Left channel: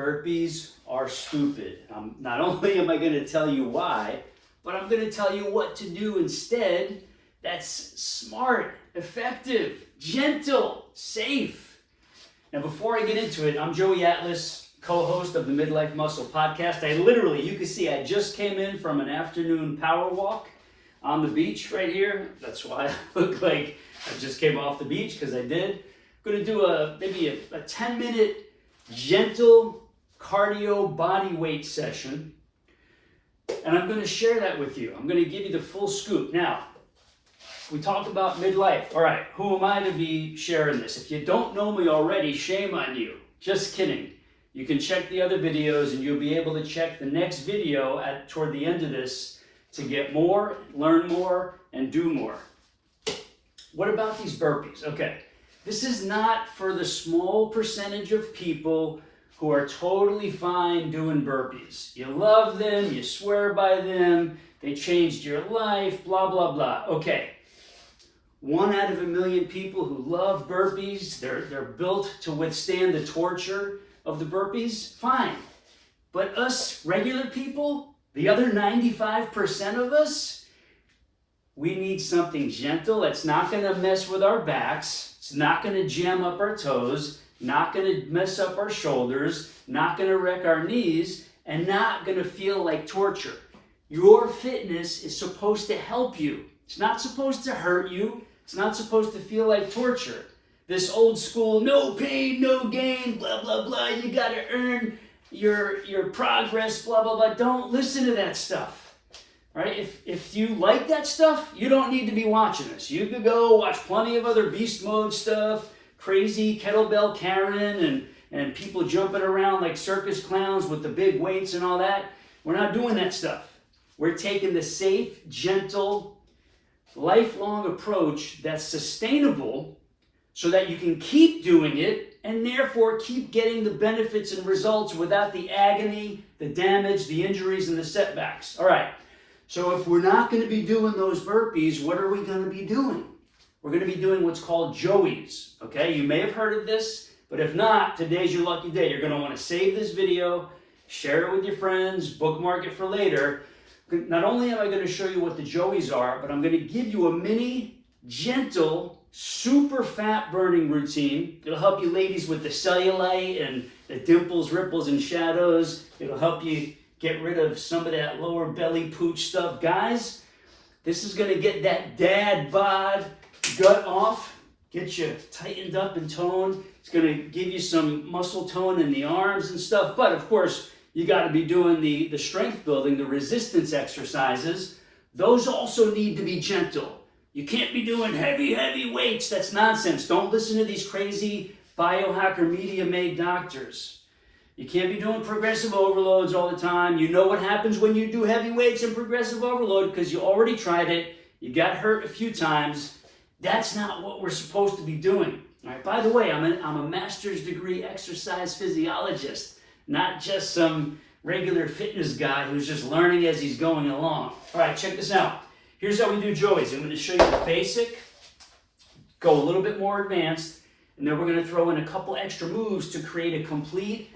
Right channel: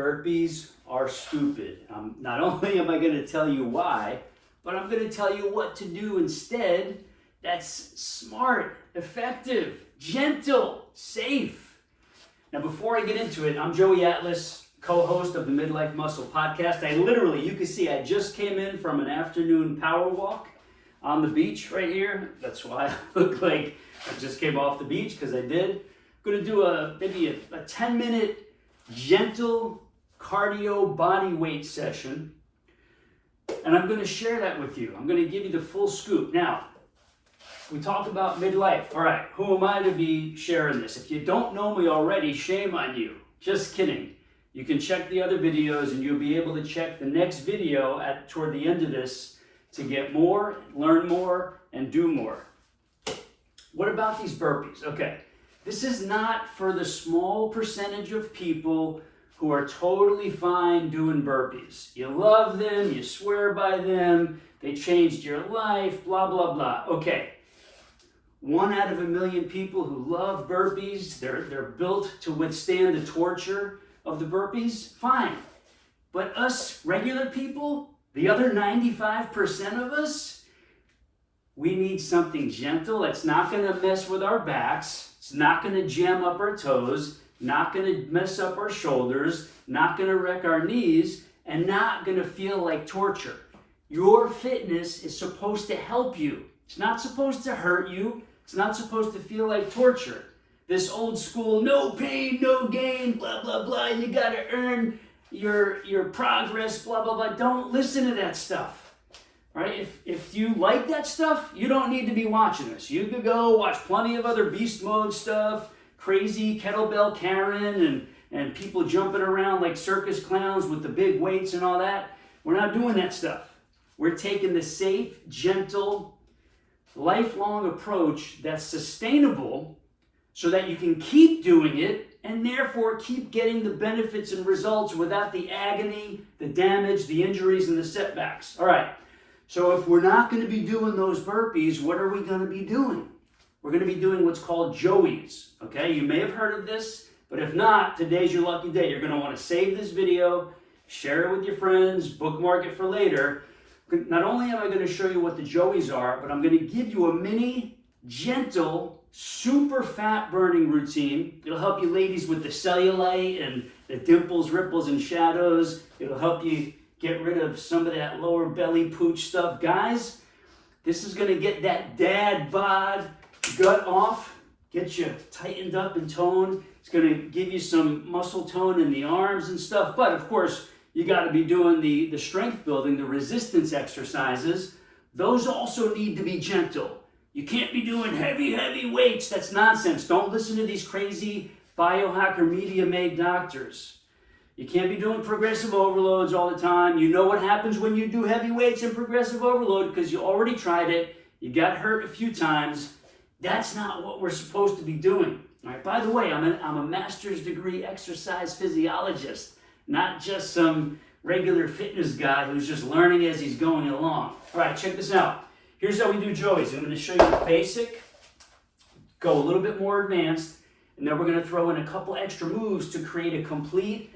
burpees are stupid. Not only am I going to tell you why, but I'm going to tell you what to do instead that's smart, effective, gentle, safe. Now, before I get into it, I'm Joey Atlas, co-host of the Midlife Muscle podcast. You can see I just came in from an afternoon power walk on the beach right here. That's why I look like I just came off the beach, because I did. I'm going to do maybe a 10-minute gentle cardio body weight session, and I'm going to share that with you. I'm going to give you the full scoop. Now, we talked about midlife. All right, who am I to be sharing this? If you don't know me already, shame on you. Just kidding. You can check the other videos, and you'll be able to check the next video toward the end of this to get more, learn more, and do more. What about these burpees? Okay, this is not for the small percentage of people who are totally fine doing burpees. You love them, you swear by them, they changed your life, blah, blah, blah. Okay, 1 out of a million people who love burpees, they're built to withstand the torture of the burpees, fine. But us regular people, the other 95% of us, we need something gentle that's not going to mess with our backs, it's not going to jam up our toes, not going to mess up our shoulders, not going to wreck our knees, and not going to feel like torture. Your fitness is supposed to help you. It's not supposed to hurt you. It's not supposed to feel like torture. This old school, no pain, no gain, blah, blah, blah, you got to earn your progress, blah, blah, blah. Don't listen to that stuff, right? If you like that stuff, you don't need to be watching this. You could go watch plenty of other beast mode stuff, crazy kettlebell Karen, and people jumping around like circus clowns with the big weights and all that. We're not doing that stuff. We're taking the safe, gentle, lifelong approach that's sustainable so that you can keep doing it and therefore keep getting the benefits and results without the agony, the damage, the injuries, and the setbacks. All right, so if we're not going to be doing those burpees, what are we going to be doing? We're going to be doing what's called Joeys, okay? You may have heard of this, but if not, today's your lucky day. You're going to want to save this video, share it with your friends, bookmark it for later. Not only am I going to show you what the Joeys are, but I'm going to give you a mini, gentle, super fat burning routine. It'll help you ladies with the cellulite and the dimples, ripples, and shadows. It'll help you get rid of some of that lower belly pooch stuff. Guys, this is going to get that dad bod gut off, get you tightened up and toned. It's going to give you some muscle tone in the arms and stuff. But of course, you got to be doing the strength building, the resistance exercises. Those also need to be gentle. You can't be doing heavy weights. That's nonsense. Don't listen to these crazy biohacker media-made doctors. You can't be doing progressive overloads all the time. You know what happens when you do heavy weights and progressive overload because you already tried it. You got hurt a few times. That's not what we're supposed to be doing. All right. By the way, I'm a master's degree exercise physiologist, not just some regular fitness guy who's just learning as he's going along. All right, check this out. Here's how we do Joeys. I'm going to show you the basic, go a little bit more advanced, and then we're going to throw in a couple extra moves to create a complete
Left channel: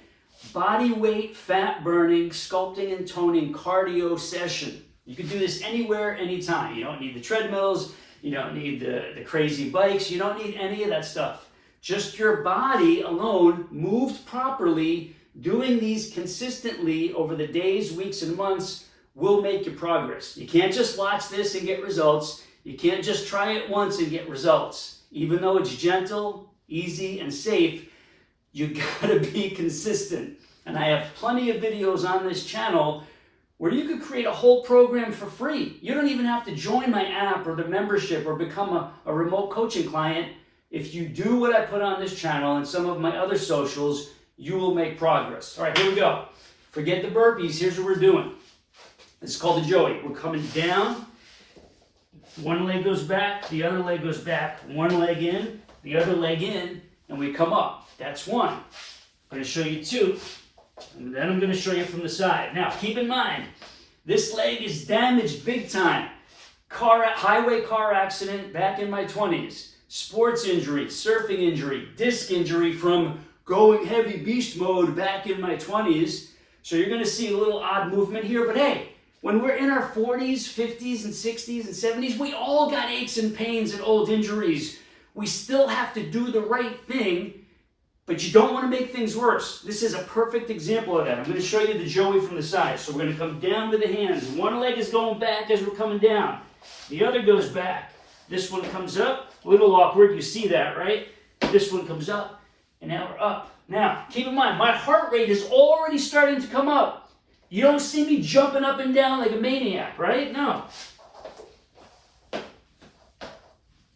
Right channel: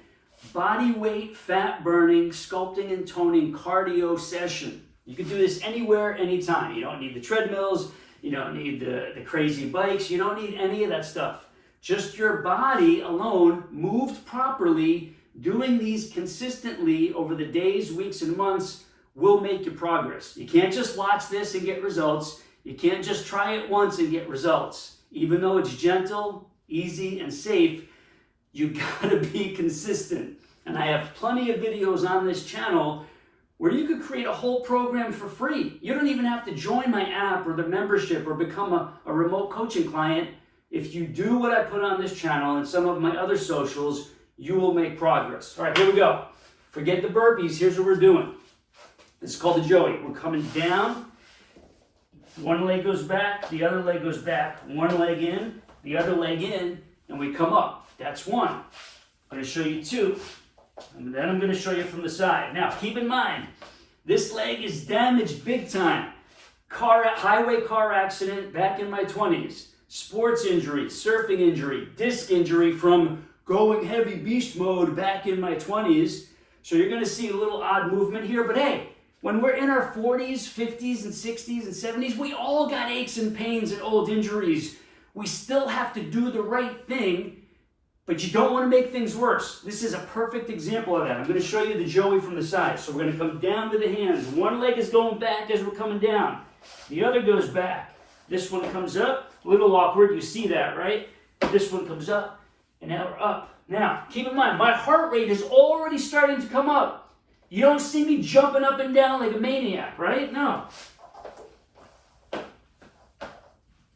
body weight, fat burning, sculpting and toning cardio session. You can do this anywhere, anytime. You don't need the treadmills. You don't need the crazy bikes. You don't need any of that stuff. Just your body alone, moved properly, doing these consistently over the days, weeks, and months will make you progress. You can't just watch this and get results. You can't just try it once and get results. Even though it's gentle, easy, and safe, you gotta be consistent. And I have plenty of videos on this channel where you could create a whole program for free. You don't even have to join my app or the membership or become a remote coaching client. If you do what I put on this channel and some of my other socials, you will make progress. All right, here we go. Forget the burpees. Here's what we're doing. This is called the Joey. We're coming down. One leg goes back, the other leg goes back. One leg in, the other leg in, and we come up. That's one. I'm going to show you two, and then I'm going to show you from the side. Now, keep in mind, this leg is damaged big time. Highway car accident back in my 20s. Sports injury, surfing injury, disc injury from going heavy beast mode back in my 20s. So you're gonna see a little odd movement here, but hey, when we're in our 40s, 50s, and 60s, and 70s, we all got aches and pains and old injuries. We still have to do the right thing, but you don't want to make things worse. This is a perfect example of that. I'm going to show you the Joey from the side. So we're going to come down with the hands. One leg is going back as we're coming down. The other goes back. This one comes up. A little awkward. You see that, right? This one comes up, and now we're up. Now, keep in mind, my heart rate is already starting to come up. You don't see me jumping up and down like a maniac, right? No.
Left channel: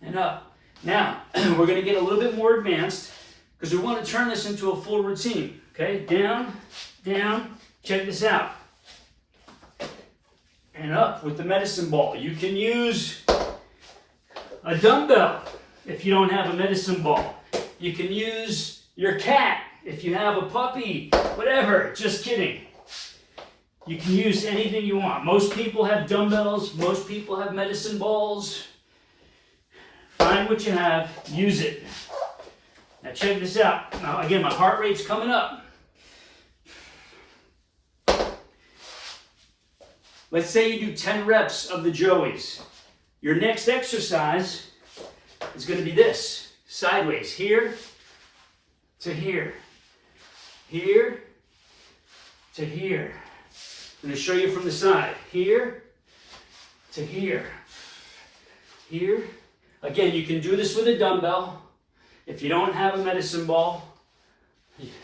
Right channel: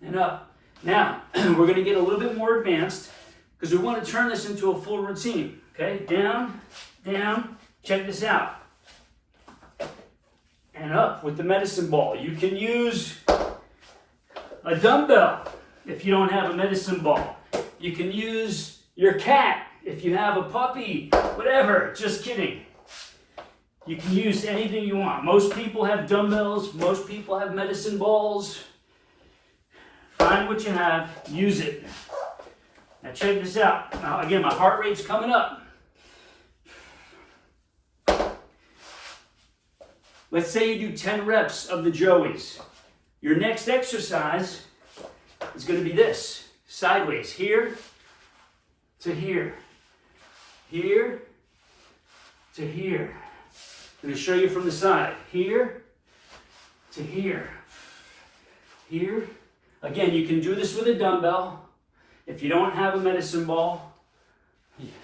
And up. Now, we're going to get a little bit more advanced because we want to turn this into a full routine. Okay? Down, down. Check this out. And up with the medicine ball. You can use a dumbbell if you don't have a medicine ball. You can use your cat if you have a puppy. Whatever. Just kidding. You can use anything you want. Most people have dumbbells. Most people have medicine balls. Find what you have. Use it. Now check this out. Now again, my heart rate's coming up. Let's say you do 10 reps of the Joeys. Your next exercise is going to be this. Sideways. Here to here. Here to here. I'm going to show you from the side. Here to here. Here. Again, you can do this with a dumbbell. If you don't have a medicine ball,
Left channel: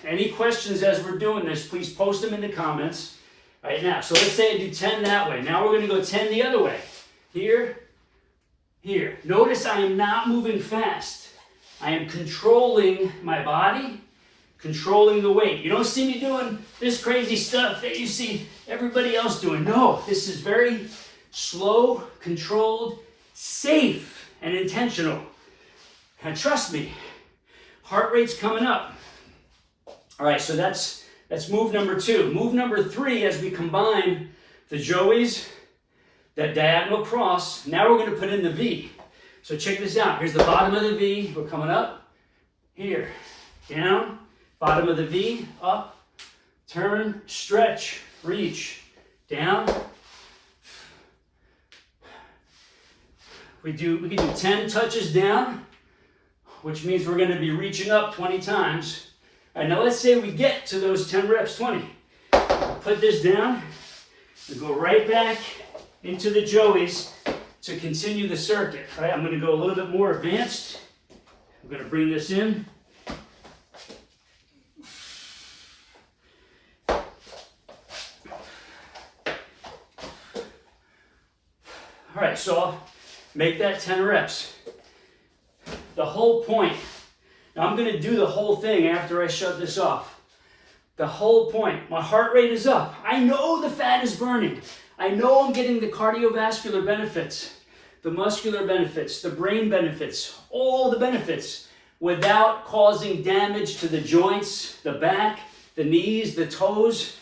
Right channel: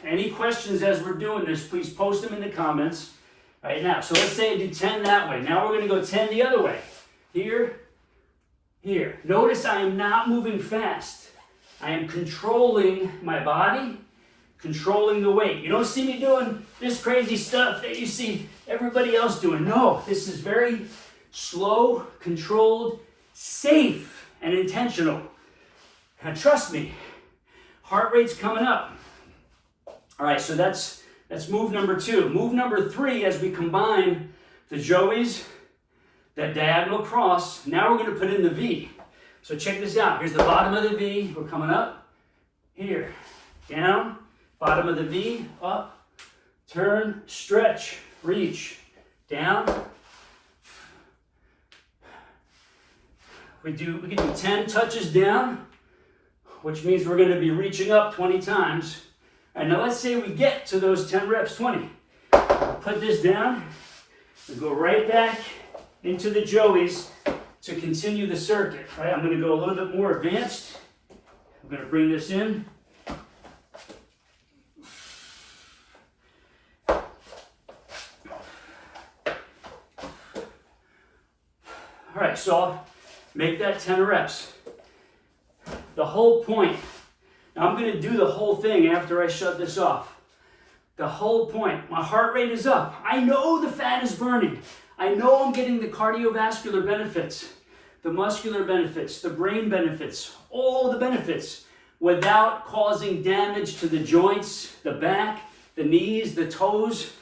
any questions as we're doing this, please post them in the comments right now. So let's say I do 10 that way. Now we're going to go 10 the other way. Here, here. Notice I am not moving fast. I am controlling my body, controlling the weight. You don't see me doing this crazy stuff that you see everybody else doing. No, this is very slow, controlled, safe, and intentional. And trust me, heart rate's coming up. All right, so that's move number 2. Move number 3, as we combine the Joeys, that diagonal cross, now we're going to put in the V. So check this out. Here's the bottom of the V. We're coming up. Here, down. Bottom of the V, up, turn, stretch, reach, down. We can do 10 touches down, which means we're going to be reaching up 20 times. All right, now let's say we get to those 10 reps, 20. Put this down and go right back into the Joeys to continue the circuit. All right, I'm going to go a little bit more advanced. I'm going to bring this in. All right, so I'll make that 10 reps. The whole point, now I'm going to do the whole thing after I shut this off. The whole point, my heart rate is up. I know the fat is burning. I know I'm getting the cardiovascular benefits, the muscular benefits, the brain benefits, all the benefits without causing damage to the joints, the back, the knees, the toes.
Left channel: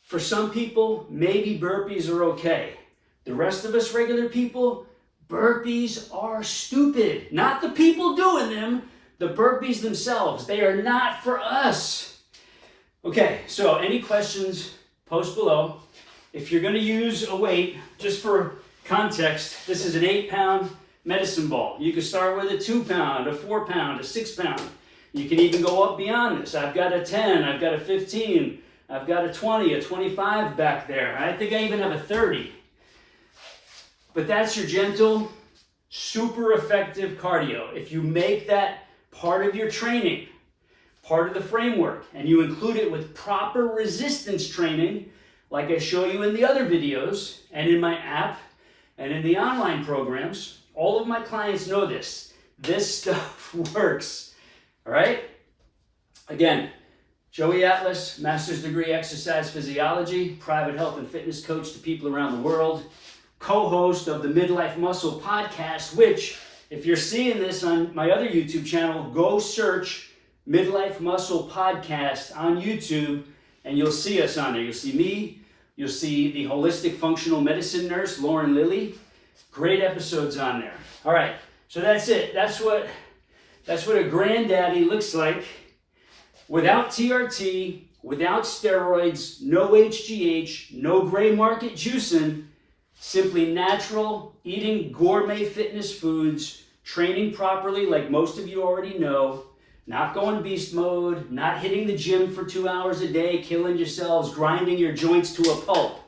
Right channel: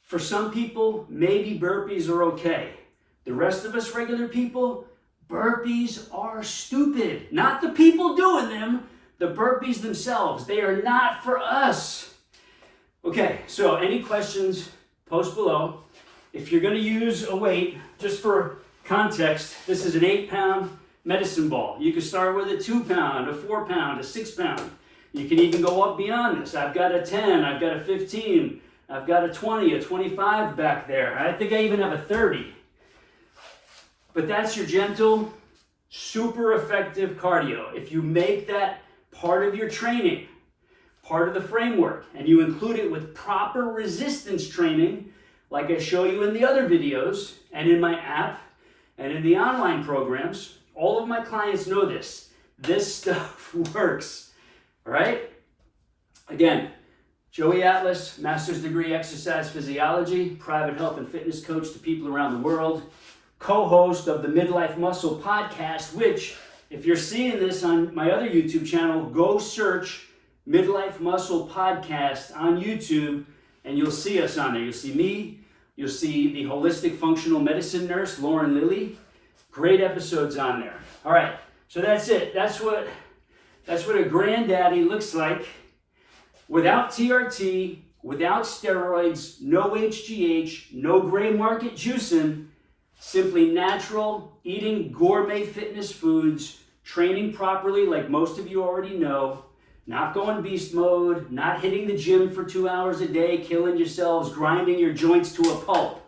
For some people, maybe burpees are okay. The rest of us regular people, burpees are stupid. Not the people doing them, the burpees themselves. They are not for us. Okay, so any questions, post below. If you're going to use a weight, just for context, this is an 8-pound medicine ball. You can start with a 2-pound, a 4-pound, a 6-pound. You can even go up beyond this. I've got a 10, I've got a 15, I've got a 20, a 25 back there. I think I even have a 30. But that's your gentle, super effective cardio. If you make that part of your training, part of the framework, and you include it with proper resistance training, like I show you in the other videos, and in my app, and in the online programs, all of my clients know this. This stuff works, all right? Again, Joey Atlas, master's degree exercise physiology, private health and fitness coach to people around the world, co-host of the Midlife Muscle podcast, which, if you're seeing this on my other YouTube channel, go search Midlife Muscle podcast on YouTube, and you'll see us on there. You'll see me, you'll see the holistic functional medicine nurse, Lauren Lilly. Great episodes on there. All right, so that's it. That's what That's what a granddaddy looks like. Without TRT, without steroids, no HGH, no gray market juicing, simply natural, eating gourmet fitness foods, training properly like most of you already know, not going beast mode, not hitting the gym for 2 hours a day, killing yourselves, grinding your joints to a pulp.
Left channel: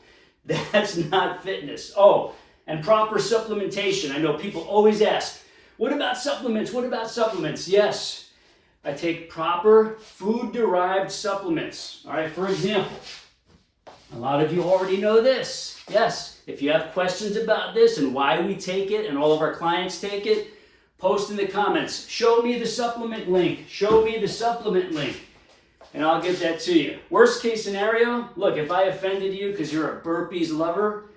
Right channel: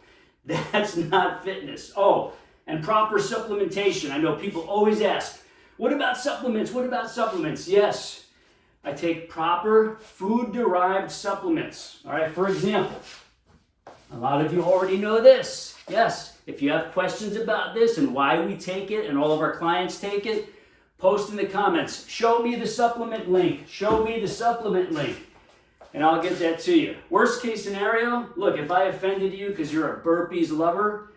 That's not fitness. Oh, and proper supplementation. I know people always ask, what about supplements? What about supplements? Yes, I take proper food-derived supplements. All right, for example, a lot of you already know this. Yes, if you have questions about this and why we take it and all of our clients take it, post in the comments. Show me the supplement link. Show me the supplement link. And I'll get that to you. Worst case scenario, look, if I offended you because you're a burpees lover,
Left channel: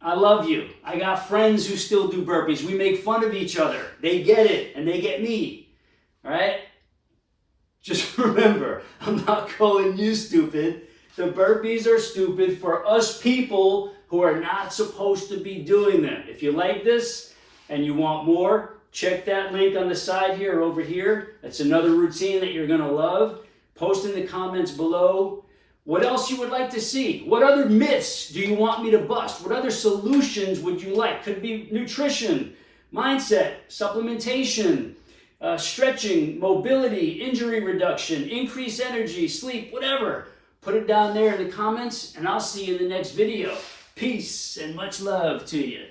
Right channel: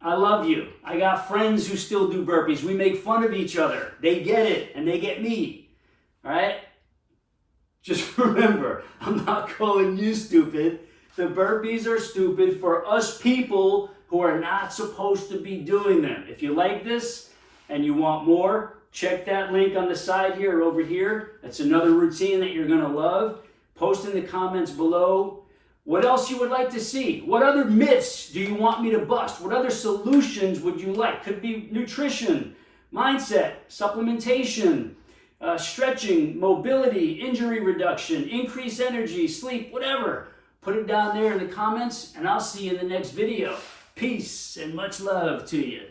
I love you. I got friends who still do burpees. We make fun of each other. They get it, and they get me. All right? Just remember, I'm not calling you stupid. The burpees are stupid for us people who are not supposed to be doing them. If you like this and you want more, check that link on the side here or over here. That's another routine that you're going to love. Post in the comments below what else you would like to see. What other myths do you want me to bust? What other solutions would you like? Could be nutrition, mindset, supplementation, stretching, mobility, injury reduction, increased energy, sleep, whatever. Put it down there in the comments, and I'll see you in the next video. Peace and much love to you.